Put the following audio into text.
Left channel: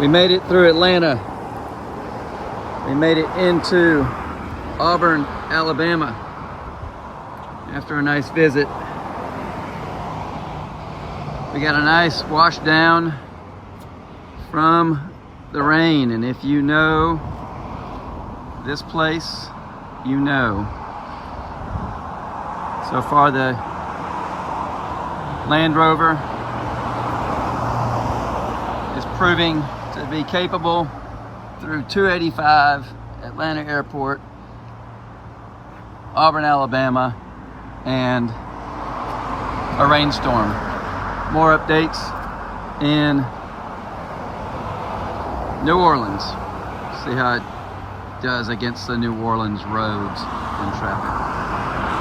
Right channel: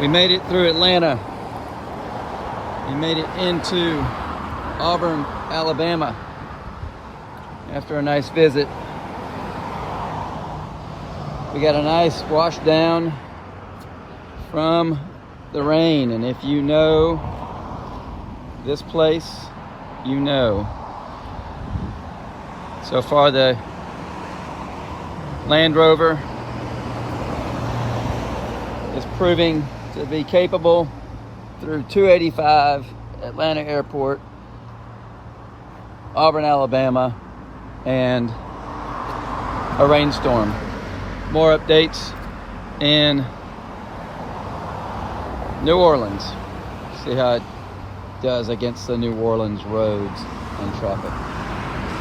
We made it through Atlanta. We made it into Auburn, Alabama after a nice visit. We got a nice wash down from the rain, and if you know this place, you know. So far the Land Rover is proving to be capable through 285 Atlanta Airport, Auburn, Alabama, and a rainstorm. More updates in New Orleans. See how it does against the New Orleans roads and traffic.